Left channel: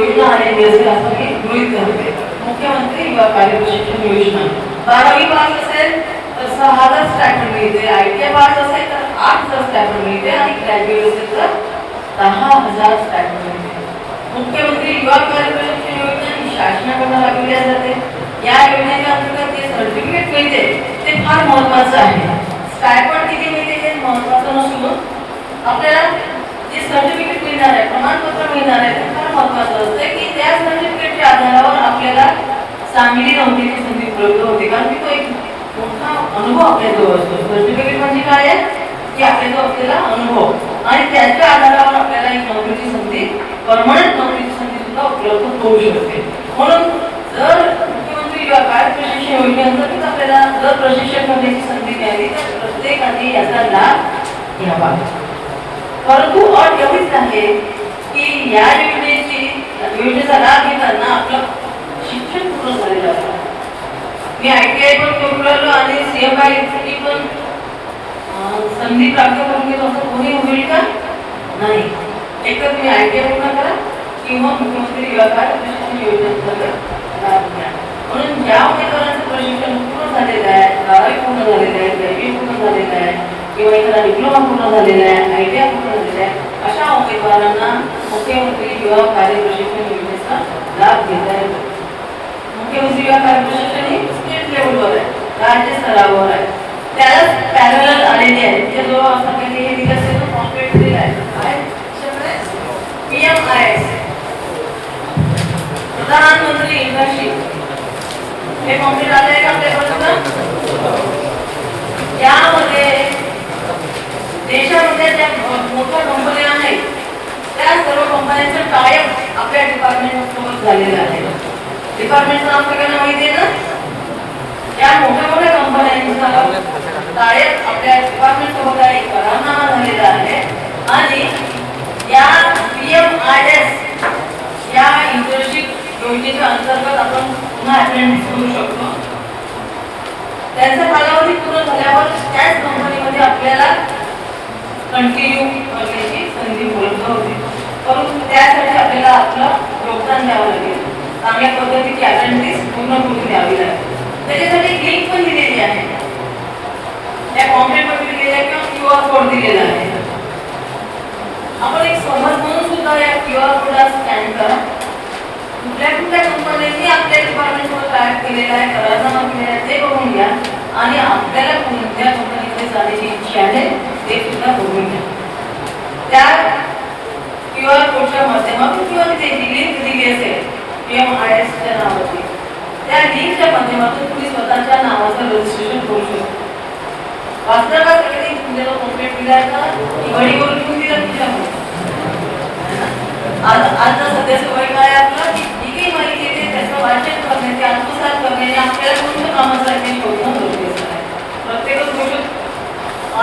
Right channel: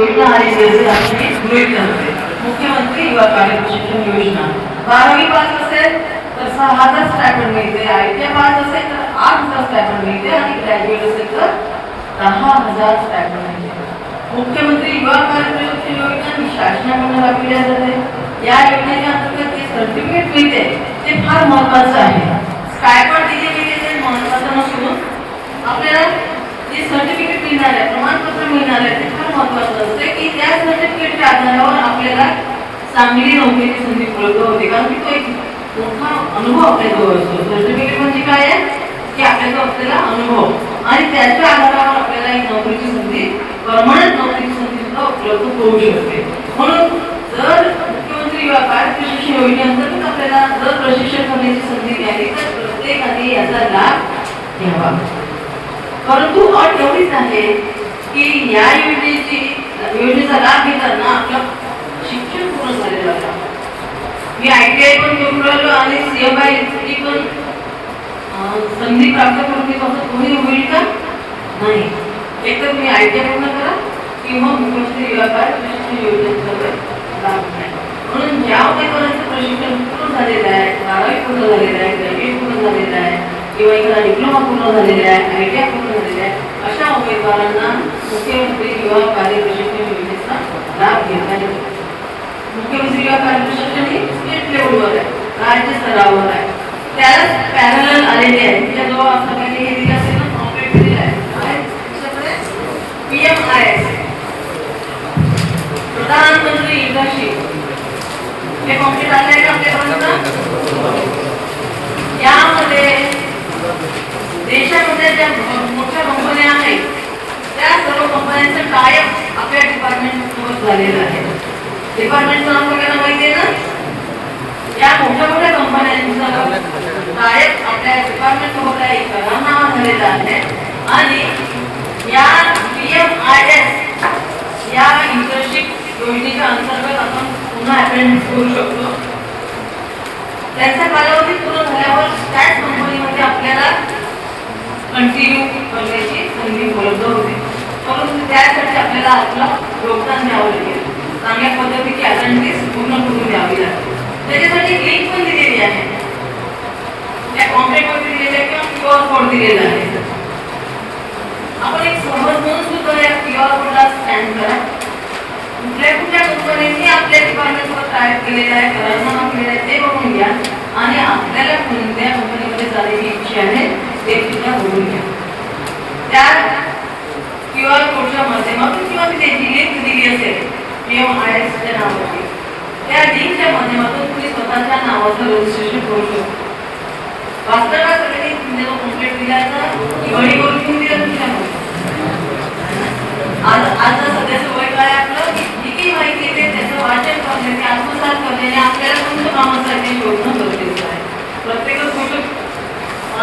योजना आणि राज्याने गृहीत धरते. मुख्यमंत्री युवा कार्य प्रशिक्षण योजना 12वी पास असेल तर 6,000 स्टायपेंड मिळते, ITI पास असेल तर 8,000 स्टायपेंड मिळते आणि ग्रॅज्युएट असेल तर 10,000 स्टायपेंड मिळते. मुख्यमंत्री युवा कार्य प्रशिक्षण योजना ही शासनाकडून राबविली जाते. या योजनेच्या अंतर्गत जे सर्टिफिकेट मिळते ते फार महत्त्वाचं आहे. स्टायपेंड किती मिळते ते महत्त्वाचं नसून आपल्याला जे सर्टिफिकेट मिळणार आहे, प्रमाणपत्र मिळणार आहे ते फार महत्त्वाचं असते की त्या सर्टिफिकेटच्या आधारावर आपल्याला चांगली नोकरीची संधी उपलब्ध होते. कारण की तो एक मोठा अनुभव आपल्याजवळ असतो. सर्टिफिकेट म्हणजे काय आहे की आपल्याजवळ असलेला अनुभव आणि त्याच्या आधारावर आपल्याला एक नोकरीची संधी, परमनंट नोकरीची संधी सुद्धा उपलब्ध होऊ शकते. म्हणून जर मुख्यमंत्री युवा कार्य प्रशिक्षण योजनेअंतर्गत आपल्याला जर प्रशिक्षण करण्याची संधी मिळाली तर प्रत्येकाने याचा लाभ घ्यावा. परंतु अट एवढीच आहे की या योजनेचा लाभ घेताना आपलं शिक्षण पूर्ण झालेलं आहे. मी ITI पण करून राहिलो आणि CMI पण संधी प्राप्त करून घेतो असं कोणी होईल का? नाही. एकतर तुम्ही ITI पूर्ण करा किंवा मुख्यमंत्री युवा कार्य प्रशिक्षण योजनेचा लाभ घ्या. म्हणून ज्या उमेदवारांचं प्रशिक्षण पूर्ण झालेलं आहे, 12वी पूर्ण झालेलं आहे, ग्रॅज्युएट पूर्ण झालेलं आहे किंवा एखादा डिप्लोमा पूर्ण झालेला आहे, ITI पूर्ण झालेला आहे, अशा उमेदवारांना मुख्यमंत्री युवा कार्य प्रशिक्षण योजनेचा लाभ घेता येतो. मुख्यमंत्री युवा कार्य प्रशिक्षण हे स्टेट लेवलवर आहे, राज्य स्तरावर आहे. त्याला पॅरलल आलेले आहेत. त्याजवळ असं काही हे दिलं असेल ना, कॉम्प्लेट दिलेलं आहे. PMIS प्रधानमंत्री इंटर्नशिप हे कॉम्प्लेट आले आहे का आपल्यापर्यंत? यामध्ये देशामध्ये ज्या मोठ्या कंपन्या आहेत त्या सर्व कंपन्यांचं टायअप आपल्या डिपार्टमेंट सोबत झालेलं आहे. डिपार्टमेंटचं नाव सगळ्यांना माहिती आहे ना? या मोठ्या मोठ्या कंपन्यांचं टायअप आपल्या डिपार्टमेंट सोबत आहे, करारनामा झालेला आहे आणि या PMIS या इंटर्नशिप योजनेच्या अंतर्गत आपण पुन्हा अटेंड करू शकतो. त्यांचा कालावधी पूर्ण झाल्यावर त्याच कंपनीमध्ये आपल्याला कंटिन्यू करण्याची संधी उपलब्ध होते. परंतु त्यासाठी आपल्याला आपलं योगदान द्यावं लागेल. चांगल्या पद्धतीची अटेंडन्स पूर्ण करून द्यावी लागेल. त्याच्यासाठी लिंक पण दिलेली आहे. त्या कॉम्प्लेटवर दिलेलं आहे किंवा QR कोड दिलेला आहे. आपण एक सहज म्हणून सुद्धा या QR कोडला स्कॅन करा. कुठल्या कुठल्या कंपन्यांनी आपल्या डिपार्टमेंटवर टायअप केलेला आहे, करारनामा केलेला आहे ते बघून घ्या आणि आपल्याला कोणत्या कंपनीकडे जाण्याची इच्छा आहे ते सुद्धा बघून घ्या. त्या QR कोडच्या माध्यमातून किंवा त्याची लिंक दिली असेल PMIS च्या नावाची, त्या लिंकच्या माध्यमातून तुम्ही स्वतःच्या नावाचं रजिस्ट्रेशन करू शकता. वास्तवात सगळे तुमच्याला कंप्लीट दिला आहे का वळीवर घेऊन दिलं तुमच्याकडे? आज सध्या सवय काय आपलं किती माहिती आहे त्याचं वाचन करणे, ते आत्मसात करणे, आपल्याला कोणत्या कामासाठी शोधणं गरजेचं आहे. प्रत्येकच गोष्ट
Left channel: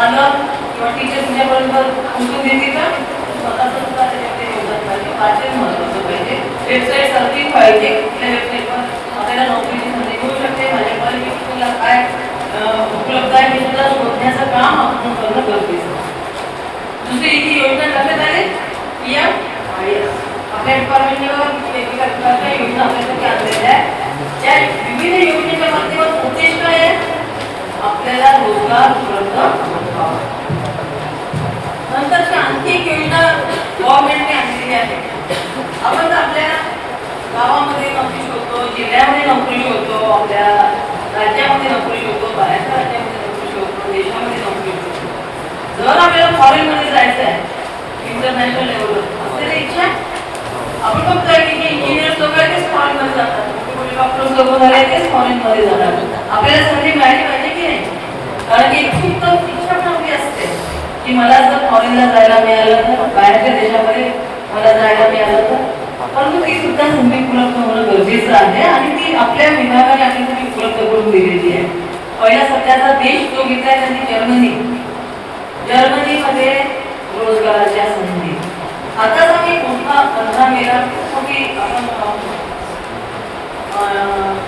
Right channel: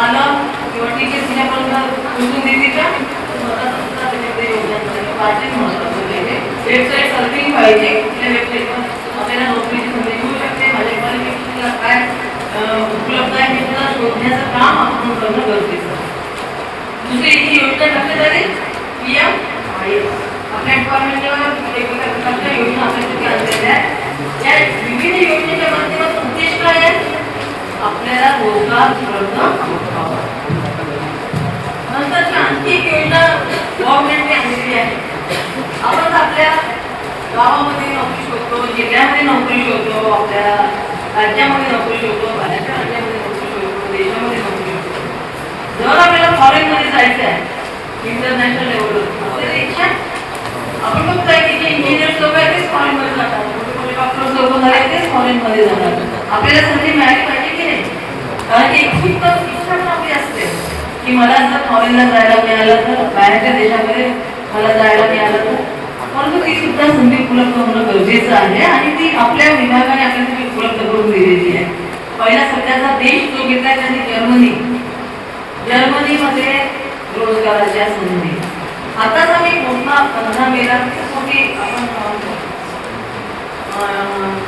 आलं किंवा टीचर तुझ्यापर्यंत पोहोचून देते का? स्वतःचं सुद्धा त्याच्याकडे योगदान पाहिजे, वाचन महत्त्वाचं पाहिजे, वेबसाईट सर्चिंग पाहिजे. त्या वेबसाईटवर आपल्याला नोकरीची संधी मिळू शकते. माझ्या क्वालिफिकेशनला काय उपलब्ध आहे हे सुद्धा शोधण्याचं काम आपण करणं गरजेचं आहे. दुसरी ही योजना करण्यात आली PMIS. आपल्या डिपार्टमेंटवर वेगवेगळ्या प्रकारच्या योजना आपल्यासाठी आणलेल्या आहेत. या विविध योजनेच्या माध्यमातून उद्देश काय आहे? आपल्याला रोजगार उपलब्ध व्हावा. नंतरची आणखी एक योजना गव्हर्नमेंटने आणलेली आहे. आपण आपल्या गावामध्ये नोकरी शोधतो, जिल्ह्यामध्ये नोकरी शोधतो, आपल्या राज्यामध्ये नोकरी शोधतो, बाहेरच्या राज्यामध्ये नोकरी शोधतो, देशामध्ये नोकरी शोधतो. जर आपल्याला फॉरेनमध्ये जायचं आहे, इंटरनॅशनल लेवलवर आपल्याला इच्छा आपण बघतोय की जे इंजिनियर्स लोक आहेत तेच फॉरेनमध्ये जातात, मोठे डॉक्टर्स लोक झाले तेच फॉरेनमध्ये जातात. आपल्याला संधी मिळाली पाहिजे की नाही? कारण की इच्छा चांगली असते की मला जर फॉरेनला जायला मिळालं तर, बाहेरच्या देशामध्ये मला जायला मिळालं तर, परंतु ती सुद्धा संधी उपलब्ध होणं गरजेचं आहे आणि ती आपल्या विभागाने आपल्यासाठी उपलब्ध करून दिलेली आहे. पहिला सध्याचा देश जो घेतलाय त्यांनी जर्मनी. जर्मनीमध्ये रोजगाराच्या संधी. आताच आम्ही मोठा 15 मेला की आपण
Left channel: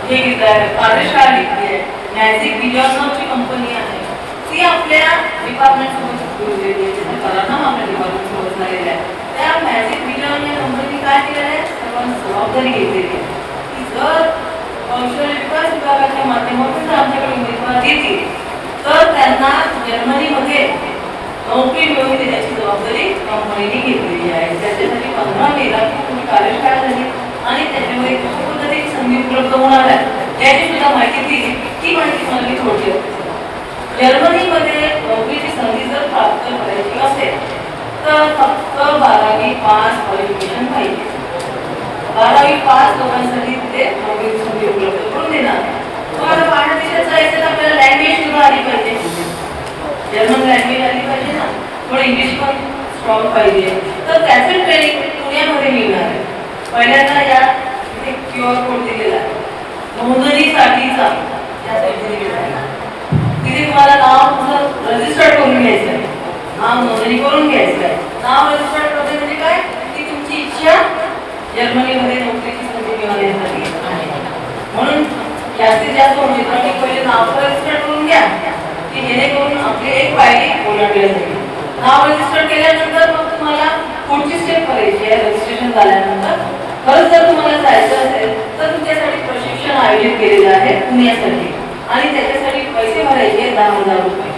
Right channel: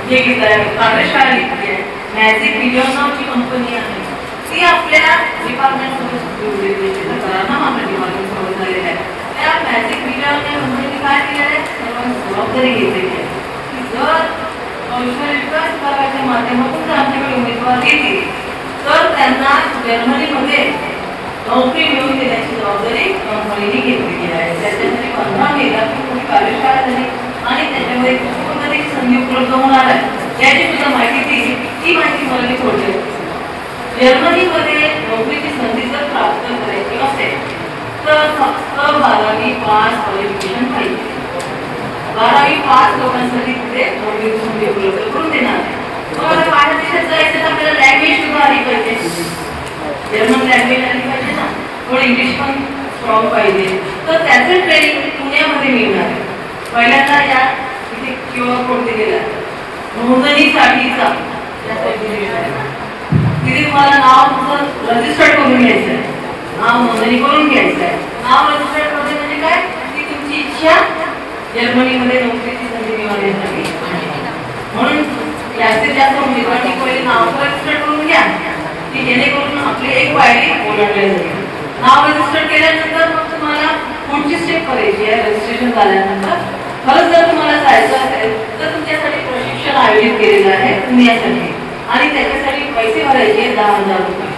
हे घेतलाय, कार्यशाळा घेतली आहे. मॅजिक बिलियन नावाची कंपनी आहे, ती आपल्या डिपार्टमेंट सोबत जोडलेली आहे. करारनामा आपल्या डिपार्टमेंट सोबत झालेला आहे. त्या मॅजिक बिलियन या कंपनीने काय केलं आहे? जबाबदारी घेतली की जर कौशल्य विकास विभागाच्या माध्यमातून जर आमच्याकडे उमेदवार येतील तर त्यांना जर्मनीमध्ये नोकरी मिळवून देण्याची जबाबदारी कंपनीने घेतलेली आहे. त्याच्यासाठी 15 मेला पूर्ण कार्यशाळा झाली आणि त्याच्यामध्ये कुठेतरी संधी उपलब्ध होणार आहे याची सुद्धा माहिती दिली. ती माहिती मला मी थोडक्यात जर्मनीमध्ये नोकरीची संधी जर प्राप्त करायची असेल तर फक्त 12वी पास क्वालिफिकेशन पाहिजे. 12वी पास लोकांसाठी तिथे नोकरीची संधी उपलब्ध करून देणार. तुम्हाला बाहेर देशात जायचं तर आपल्याला लँग्वेज सुद्धा आली पाहिजे. जर्मन लँग्वेज आली पाहिजे ना, थोडं इंग्लिश पण स्ट्रॉंग पाहिजे. तर त्याचं ट्रेनिंग पुण्यामध्ये मिळणार आहे. पहिल्यांदा या इथे क्यूआर कोड दिलेला आहे नोंदणीसाठीचा. तिथे तुम्हाला नाव तुमचं रजिस्टर करून घ्यायचं आहे, नाव नोंदणी करून घ्यायचं आहे. नाव रजिस्टर करणे म्हणजे काय की तुमची इच्छा जर्मनीमध्ये नोकरीची संधी मिळवण्यासाठी आहे. म्हणून जास्तीत जास्त उमेदवारांनी पहिले नाव रजिस्टर करून घ्या की जेणेकरून आपले एक पायरी ओलांडली जाईल. नाव रजिस्टर केल्यानंतर मग तुम्हाला पुढची स्टेप करायची आहे. रजिस्ट्रेशन झाल्यानंतर खरंच जर तुम्हाला जायचं असेल तर तुमच्यासाठी प्रशिक्षण आयोजित केलेले आहे पुण्यासाठी आणि त्याच्यासाठी पैसे भरायचे 10,000 रुपये.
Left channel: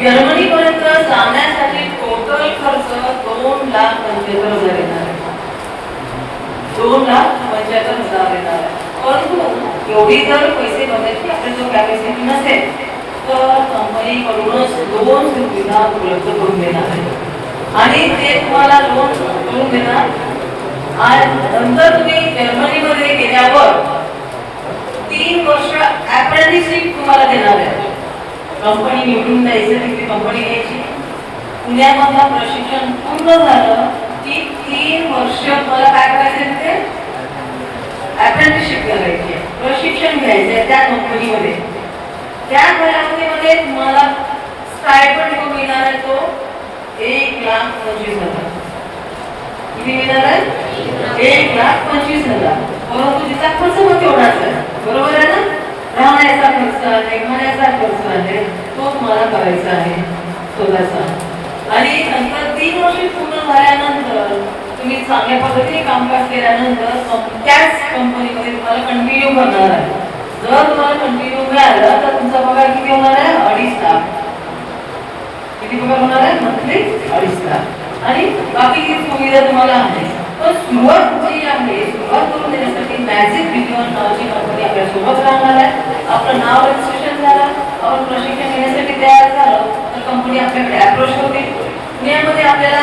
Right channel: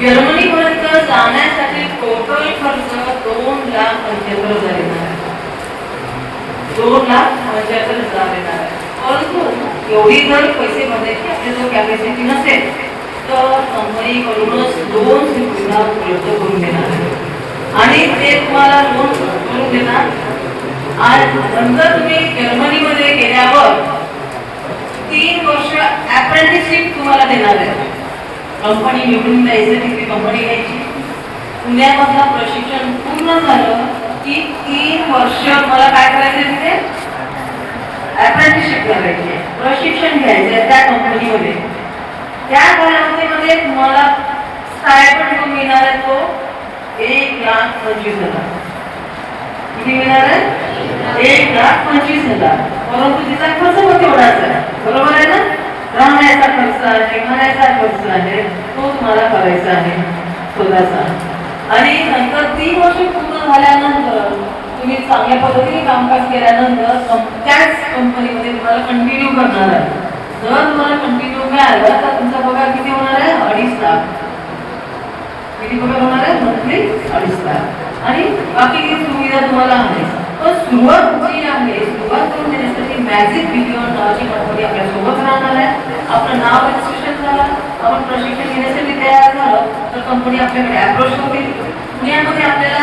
जर्मनीपर्यंत जाण्यासाठी टोटल खर्च 2,75,000 येणार आहे. 2,75,000 येणार आहे. परंतु एवढी जर पैसे भरण्याची आपल्याजवळ कॅपॅसिटी नसेल तर कंपनीकडूनच 2 सुविधा उपलब्ध करून देणार आहे आणि ते तुम्हाला लोन करून देणार. आणि नंतर तुम्ही जर्मनीमध्ये गेल्यावर 3 वर्ष अप्रेंटिसशिप तुम्हाला देणार आहे. कंपनी निवडून द्यायची, तिथे कंपनी घ्यायची. पुण्यामधलं प्रशिक्षण पूर्ण झालं की 3 वर्ष मला काय करायचं तिथे अप्रेंटिसशिप करायची, प्रशिक्षण घ्यायचं त्या कंपनीमध्ये. त्या कालावधीमध्ये तुम्हाला स्टायपेंड मिळणार आहे तो 1,25,000. किती मिळणार आहे? 1,25,000. परंतु तिचा खर्च मग तेवढाच आहे. बरोबर आहे ना? राहण्याचा खर्च आहे, खाण्याचा खर्च आहे, तो तुम्हाला करायचा आहे स्वतःचा. आणि नंतर 3 वर्ष पूर्ण झाल्यानंतर तुम्ही चांगल्या पद्धतीने कामकाज केल्यानंतर त्याच कंपनीमध्ये तुम्हाला कंटिन्यू करणार आहे. जर तुम्हाला कंटिन्यू मिळाला तर तुमचा पगार किती होणार आहे? 2.5 लाख. किती पगार होणार आहे? मंथली 2.5 लाख. आणि बाकी सुविधा तुम्हाला आहे. तर सुरुवात जी आहे, सुरुवात करून देण्यासाठी मॅजिक बिलियन नावाची कंपनी आपल्या सोबत राहणार आहे. आपलं नाव रजिस्ट्रेशन झालं, आपण प्रशिक्षण घेण्यासाठी तयार झालं तर कंपनी आपल्याकडे अप्रोच होते. पुण्यामध्ये आपल्याला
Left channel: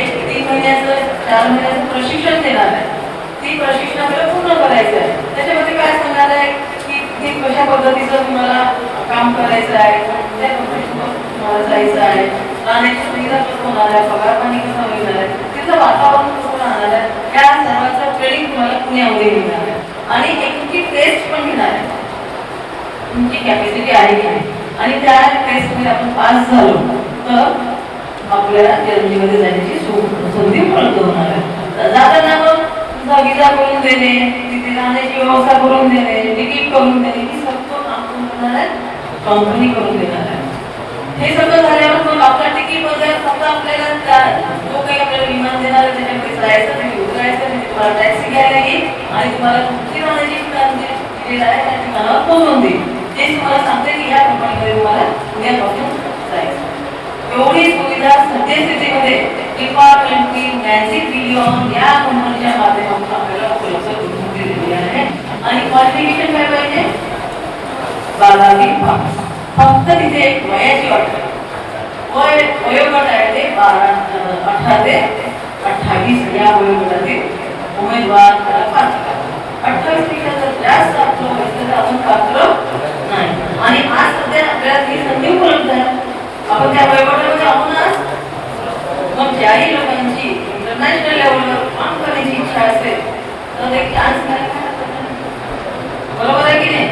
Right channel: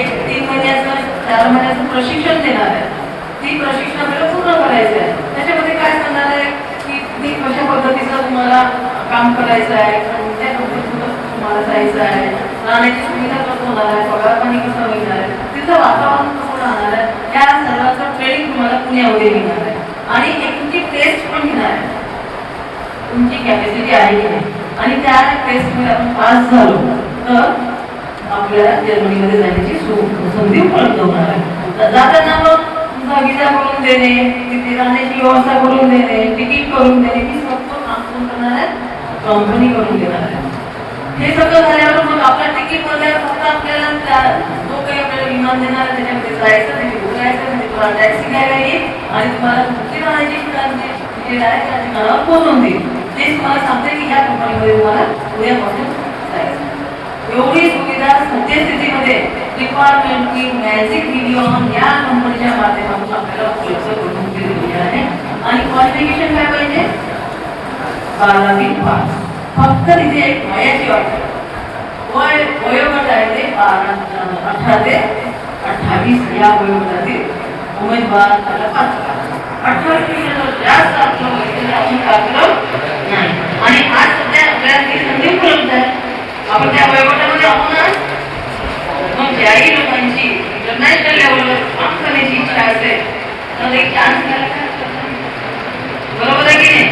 एक 3 महिन्याचं 4 महिन्याचं प्रशिक्षण देणार आहे. ती प्रशिक्षण आपल्याला पूर्ण करायचं आहे. त्याच्यामध्ये काय सांगणार आहे की कशा पद्धतीचं तुम्हाला काम करायचं आहे, त्या कंपनीसोबत तुम्हाला जायचं आहे, राहण्याची सुविधा कसं होणार आहे, पगार पाणी कसं मिळणार आहे, तिथलं वातावरण कसं राहणार आहे, या सर्वांचं ट्रेनिंग तुम्हाला पुण्यामध्ये मिळणार आहे. आणि एक तुमची टेस्ट पण घेणार आहे, तुमची कॅपॅसिटी आहे की नाही. आणि त्या टेस्टमध्ये आपण पास झालो तर आपल्याला जर्मनीमध्ये जाण्याची संधी उपलब्ध होणार आहे. जाताना मग तुमचा विजा करून देणे, तिथे राहण्याची व्यवस्था करून देणे, तिकीट करून देणे, ही सगळं काम करणार आहे कंपनी करून देणार आहे. हे सगळं झाल्यावर मग आपल्या तिकीटमध्ये फक्त आपल्याला जो काही आपल्याला विमान देणार त्याच्यामध्ये जायचं नाही, उतरायचं नाही, तुम्हाला टॅक्सी घ्यायला येईल आणि तुम्हाला कुठली राहण्याची ठिकाण दिलेलं आहे त्या ठिकाणावर पोहोचून देईल. ते तुम्हाला सांगते की ह्या कंपनीमध्ये तुम्हाला उद्यापासून जायचं. एवढी सुविधा सद्यस्थितीमध्ये डिपार्टमेंटची मॅजिक बिलियन या कंपनीच्या माध्यमातून आपल्याला उपलब्ध करून दिलेली आहे. आणि क्वालिफिकेशन काय पाहिजे? 12वी पास. फक्त तिथे एक वयाची अट, वयोगट आहे ते 18 ते 28 या वयोगटातील उमेदवार पात्र. 28 पेक्षा जास्त आपलं वय आपण पात्र नाही. आणि आज सध्या आपल्याला ती संधी उपलब्ध आहे. आपण त्या वयोगटामध्ये आहोत ना. मग ज्याही लोकांची इंटरनॅशनल लेवलवर काम करण्याची इच्छा असेल तर एक चान्स मिळाला. बरोबर आहे की नाही?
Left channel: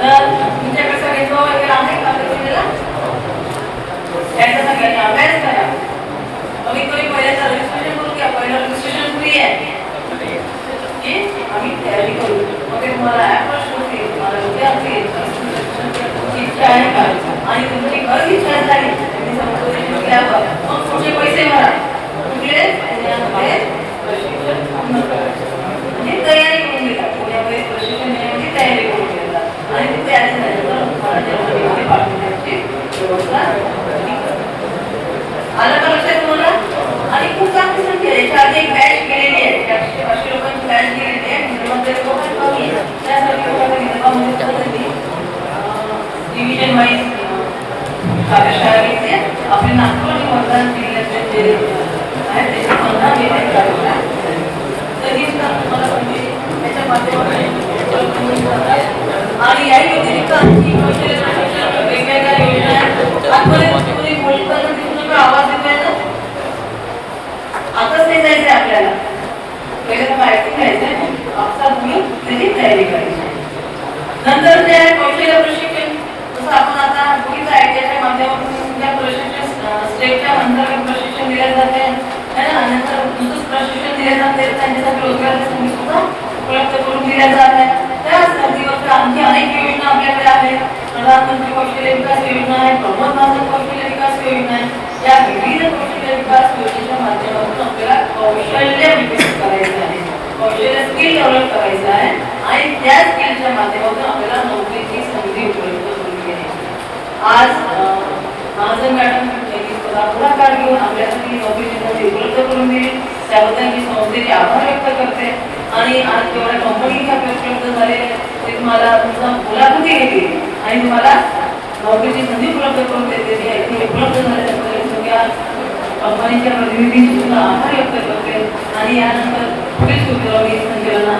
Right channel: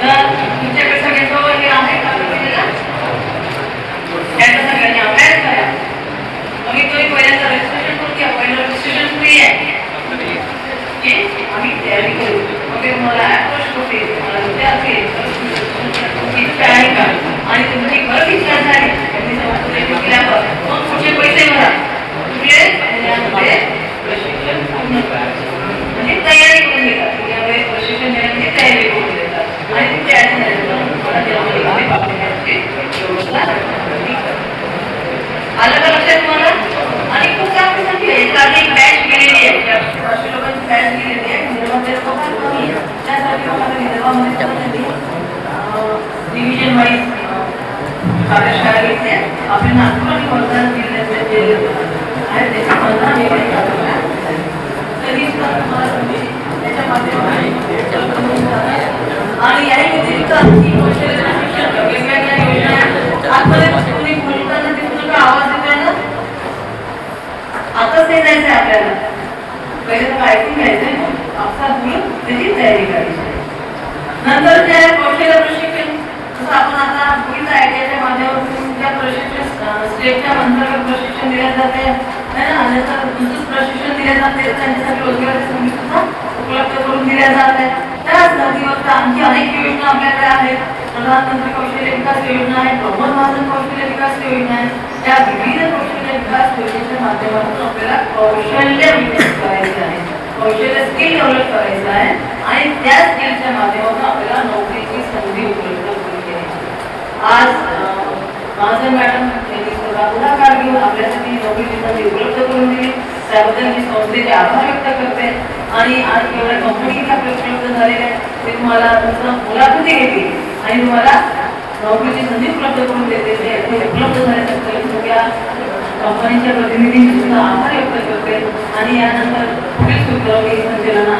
तर तुमच्याकडे सगळ्यांचं हे आहे का दिलेला? त्याचा सगळ्यांनी अभ्यास करा. मग तुम्ही पहिल्यांदा रजिस्ट्रेशन करून घ्या. पहिलं रजिस्ट्रेशन फ्री आहे की आम्ही तयारी करू. मग तुम्हाला अप्रोच होते, तुम्हाला विद्यार्थी इच्छा आहे का आणि तुमची खरंच इच्छा झाली मग पुढचे पैसे भरा. कुठले? पुण्यामध्ये प्रशिक्षण म्हणजे तयारी करून घेतात, पुण्यामध्ये प्रशिक्षण देण्याची तयारी करून देतात आणि तिथे व्यवस्था आलं का लक्षात तुम्हाला. आणि खूप काम याच्या आधी एक बॅच गेलेली आहे, 500 लोकांची बॅच गेलेली आहे. त्यासाठी डिव्हिजन वाईज कार्यशाळा घेतली आहे. आपल्या नागपूर आणि वर्धा जिल्ह्यातले जे आहेत त्याची 15 त्याच्या माध्यमातून आणि याही व्यतिरिक्त वेगवेगळ्या योजना आजपर्यंत तुम्ही बोलताना तिथून आवाज येतोय ना, आताच ते जायचंय आपल्याला, पहिले तर ऐकून घ्यायचंय, आपला तुम्ही त्याची तयारी करायची. नंतर त्या कौशल्य प्रशिक्षण, जसं आपण आता पुढील आयटीआयच्या माध्यमातून त्या प्रशिक्षण स्टेटच्या अंतर्गत प्रशिक्षण दिलं जाते, नंतर दुसरं प्रशिक्षण दिले जाते, त्यांच्यासाठी रोजगाराची संधी सुद्धा उपलब्ध करून दिल्या जात आहे. त्याच धर्तीवर आणखी अनेक योजना आपल्याकडे आहेत. प्रधानमंत्री कौशल्य विकास योजना आहे, प्रमोद महाजन कौशल्य विकास योजना आहे. त्या विविध कौशल्य विकास योजनेच्या माध्यमातून आपल्याला कौशल्य विकसित करायचं आहे, कौशल्य स्किल डेव्हलप करायचं आहे आणि त्या स्किलच्या माध्यमातून आपल्याला नोकरीची संधी उपलब्ध करून घ्यायची. आज महाजन मॅडम यांनी पुढाकार घेऊन आपल्यासाठी नोकरीची संधी उपलब्ध करून दिली, त्याबद्दल मी संस्थेचे आभार व्यक्त करते. आणि आज जेवढ्या कंपनी उपलब्ध झालेल्या आहेत ते तुम्हाला तुमचं मुलाखती घेतली आणि तुम्हाला नोकरीची संधी उपलब्ध करून देते. ते उपलब्ध झाल्यानंतर सगळ्या कंपनीच्या प्रतिनिधींनी सुद्धा आभार व्यक्त करते आणि यानंतर पुढील सूत्र मी संचलना